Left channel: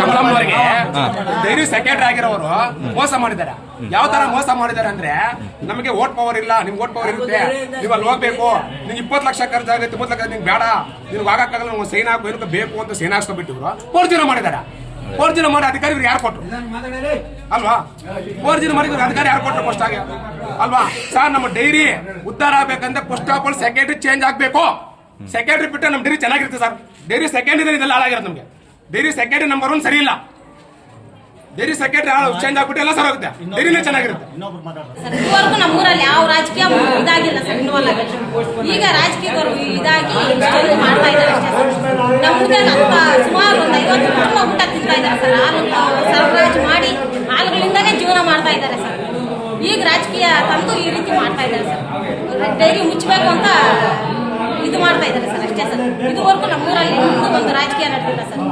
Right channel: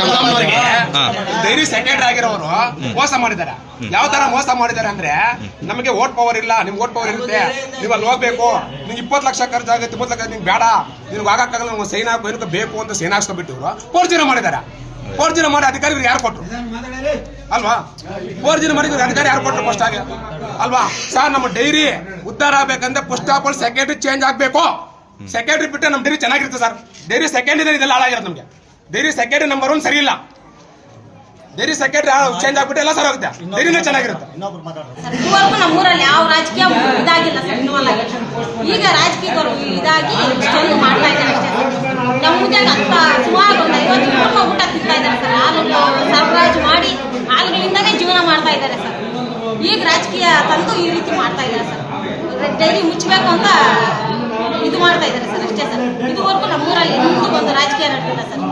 ಕಮಲಮ್ಮನವರಿಗೆ dairy secretary ಆಗಿರೋರು ಮೋಸ ಮಾಡಿದ್ದಾರೆ. ಯಾವ ತರ ಮೋಸ ಮಾಡಿದ್ದಾರೆ ಅಂದ್ರೆ, ನಮಗೆ ವೋಟ್ ಪವರ್ ಇಲ್ಲ, ನಿಮ್ಗೆ ವೋಟ್ ಪವರ್ ಇರುತ್ತೆ, ನೀವು ಅಲ್ಲಿ ಹೋಗ್ಬೇಕು, ನಿಮ್ಗೆ 20 ಲಕ್ಷ ಖರ್ಚಾಗುತ್ತೆ, 20 ಲಕ್ಷ ನಿಮ್ಗೆ ಬೇಡ, ನಿಮ್ಗೆ ಆಗಕ್ಕಾಗಲ್ಲ, ನಮ್ಗೆ ಸೈನ್ ಹಾಕಬೇಕು ಬೇಕು ಅಂತ ಸೈನ್ ಹಾಕ್ಸ್ಕೊಬಿಟ್ಟು ಇವರು ಫೋರ್ಜರಿ ಮಾಡಿದ್ದಾರೆ. ಫೋರ್ಜರಿ ಮಾಡಿ ಅಧಿಕಾರಿ ಯಾರು ಕೊಟ್ಟರು ಅಲ್ವಾ? ಫೋರ್ಜರಿ ಮಾಡಿದ್ರೆ ಅಧಿಕಾರಿ ಯಾರು ಕೊಟ್ಟರು ಫಸ್ಟ್ ಆಗಿ ಅಲ್ವಾ? ಸರ್, ನಮ್ಮ ಡೈರಿ ಉದ್ಧಾರ ಆಗ್ಬೇಕಂದ್ರೆ first of all secretary change ಆಗ್ಬೇಕು. ಸೆಕ್ರೆಟರಿ ಬಿಟ್ಟರೆ ನಮ್ಮ ಡೈರಿ ಚೆನ್ನಾಗಿರುತ್ತೆ ಸರ್. ಡೈರಿ ಸೆಕೆಂಡ್ ಇದೆಲ್ಲ ಹಾಳಾಗಿರೋದು ನಮಗೆ. ಡೈರಿ ಸೆಕ್ರೆಟರಿ ನಂಬರ್ 1 ಸರಿ ಇಲ್ಲ. ಡೈರಿ ಸೆಕ್ರೆಟರಿ ಚೇಂಜ್ ಆಗ್ಬಿಟ್ಟು ಎಲ್ಲ ಸರ್ ಆಗುತ್ತೆ, ಡೈರಿನೇ ಚೆನ್ನಾಗಿರುತ್ತೆ. ಇದುವರೆಗೂ ನಮ್ಮೂರಲ್ಲಿ ಯಾವ ರಾಜಕೀಯ ಇದಾಗಿಲ್ಲ ಸರ್, ಇನ್ವಾಲ್ವ್ ಆಗಿಲ್ಲ. ಈಗ ರಾಜಕೀಯದವರು ಇದಾಗಿ ಇಷ್ಟೊಂದು ಮಾಡ್ತಾ ಇದ್ದಾರೆ ಅಷ್ಟೇ ಸರ್. ನಮ್ಗೆ ಅಂತ ಸುಮಾರು ಒಂದು 50 ಕುಟುಂಬ ಊಟ ತಿಂತಾ ಇದ್ದಾರೆ ಸರ್. ಹಾಲು ಸರಬರಾಜು ಮಾಡಿ ಹಾಲುಗಳಿಂದನೇ ಜೀವನ ಮಾಡ್ತಾ ಇದ್ದಾರೆ ಸರ್. ಈಗ ರಾಜಕೀಯ ತಂದು ಈ ರೀತಿ ಮಾಡ್ತಾ ಇದ್ದಾರೆ ಸರ್. ಡೈರಿ ಮುಚ್ಚಬೇಕು ಅಂತ ಇದು ಮಾಡ್ತಾ ಇದ್ದಾರೆ ಸರ್ ಅಷ್ಟೇ ಸರ್. ಇದುವರೆಗೂ ನಮ್ಮೂರಲ್ಲಿ ಒಂದು ರಾಜಕೀಯ ನಡೆದಿಲ್ಲ ಸರ್.